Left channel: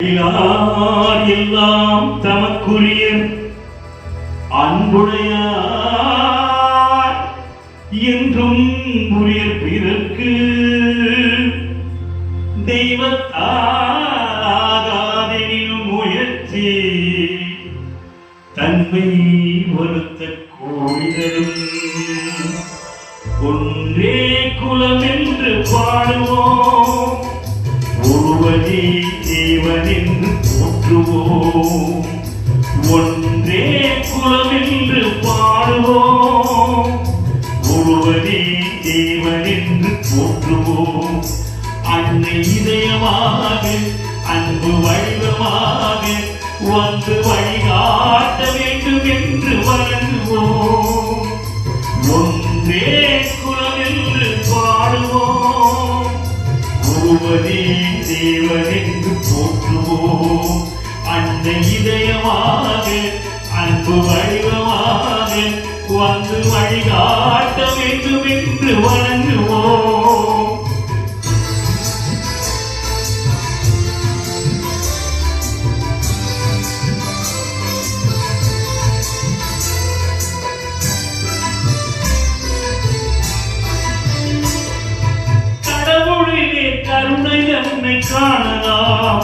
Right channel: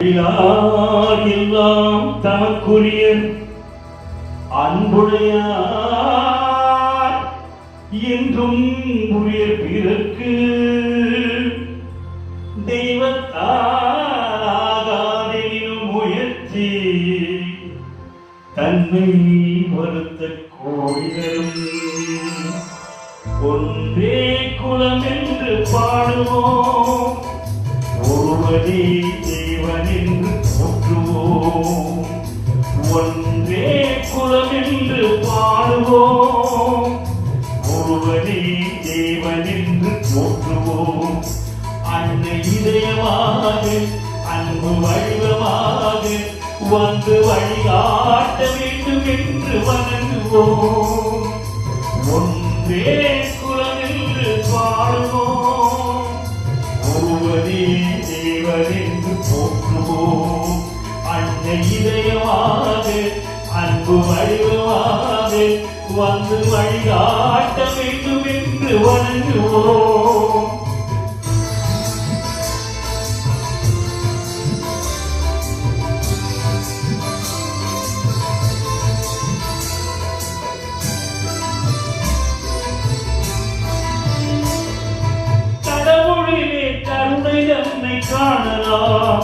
யார் எல்லாம் தமக்குரிய அன்புடையார் என்றும் உரிய பிறர்க்கு தெய்வத்தாகாதெனினும் முயற்சி தன்மை வருத்த கோயிலும் ஒன்றே குலம் என்று பாடுவோம். ஒருவரே தேவன் போற்றுவோம் ஒன்றே குலம் என்று பாடுவோம். ஒருவரி தேவனின்று போற்றுவோம் அன்னை இதயமாக அன்பு வடிவமாக வந்து வழிகாட்ட வேண்டும் என்று வணங்குவோம். ஒன்றே ஒருவனே தேவன் போற்றுவோம். அன்னை இதயமாக அன்பு வடிவமாக வந்து வழிகாட்ட வேண்டும் என்று வணங்குவோம். கடவுளிலே கருணை காணலாம்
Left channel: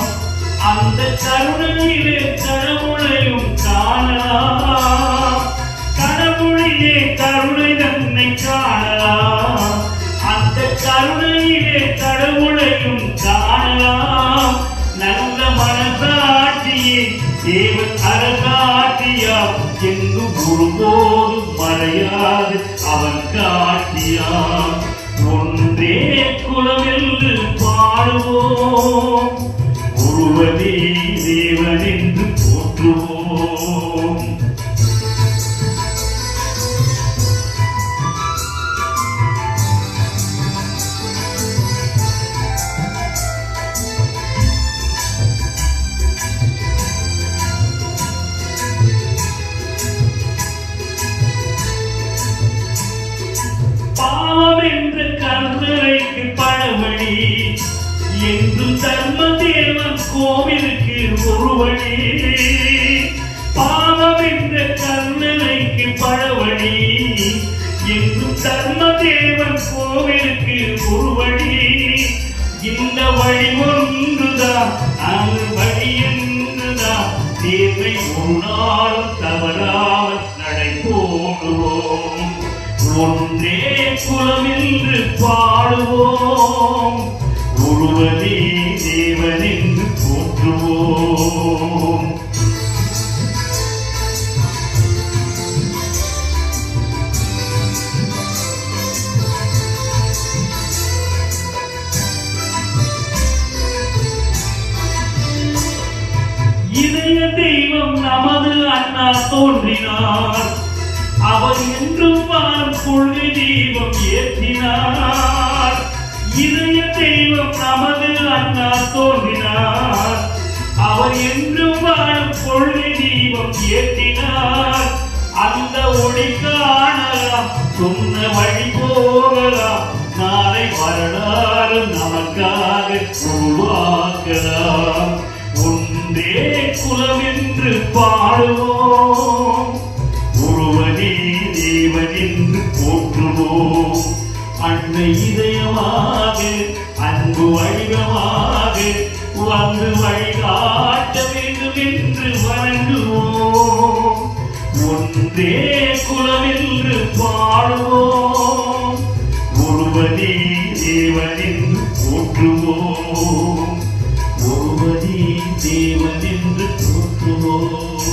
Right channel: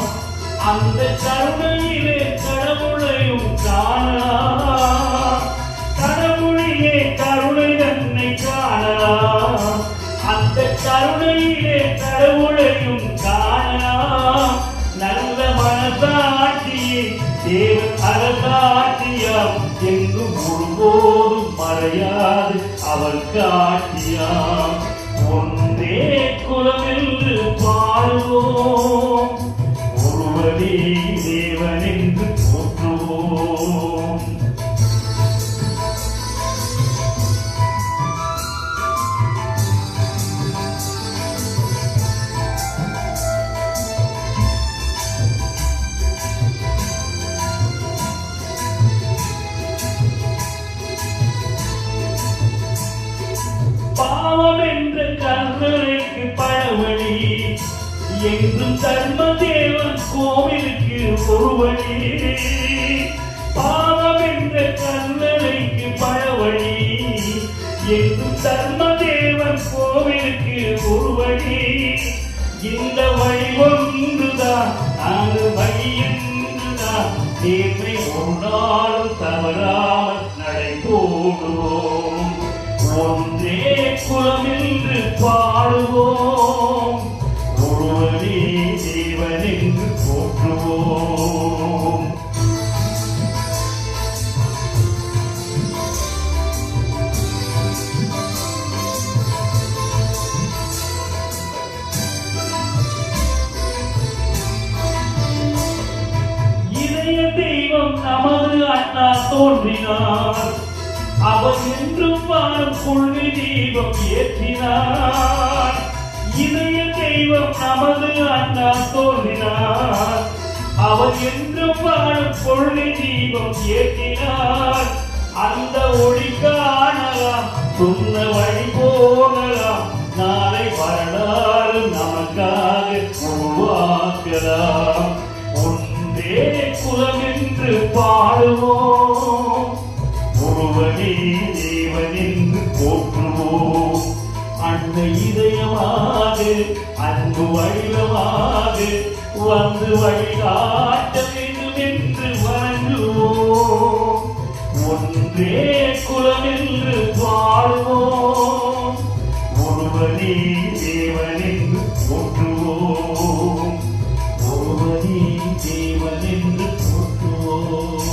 அந்த கருணையிலே கடவுளையும் காணலாம். கடவுளிலே கருணை தன்னை காணலாம் அந்த கருணையிலே கடவுளையும் காணலாம். நல்ல மனதாட்டியே தேவன் அரசாட்சியாம் எங்கும் ஒருபோதும் மறையாது அவன் காட்டியான் ஒன்றே குலமென்று என்ற கருவறைக்கு பழவழி. என்றும் தர்ம தேவன் கோவிலுக்கு ஒரு வழி. பாவம் என்ற கருவறைக்கு பழவழி. என்றும் தர்ம தேவன் கோவிலுக்கு ஒரு வழி. இந்த வழி ஒன்றுதான் அந்த வழி என்றுதான். தேவை ஒரு நாள் தவறாமல் ஒன்றே குலம் என்று பாடுவோம். ஒருவனே தேவன் என்று போற்றுவோம். இதய தெய்வம் நமது அண்ணா தோன்றினார். அவன் என்றும் வாழும் கொள்கை தீபம் ஏற்றினார். இதய தெய்வம் நமது அண்ணா தோன்றினார். அவர் என்றும் வாழும் கொள்கை தீபம் ஏற்றினார். அந்த ஒளி காணலாம் சொன்ன வழி போகலாம் நாளை வரலாறு நமக்காக உருவாக்கலாம் ஒன்றே குலம் என்று பாடுவோம். அன்னை இதயமாக அன்பு வடிவமாக வந்து வழிகாட்ட வேண்டும் என்று வணங்குவோம். ஒன்றே குலம் என்று பாடுவோம். ஒருவனே தேவன் என்று போற்றுவோம் ஒருவனே தேவன் போற்றுவோம்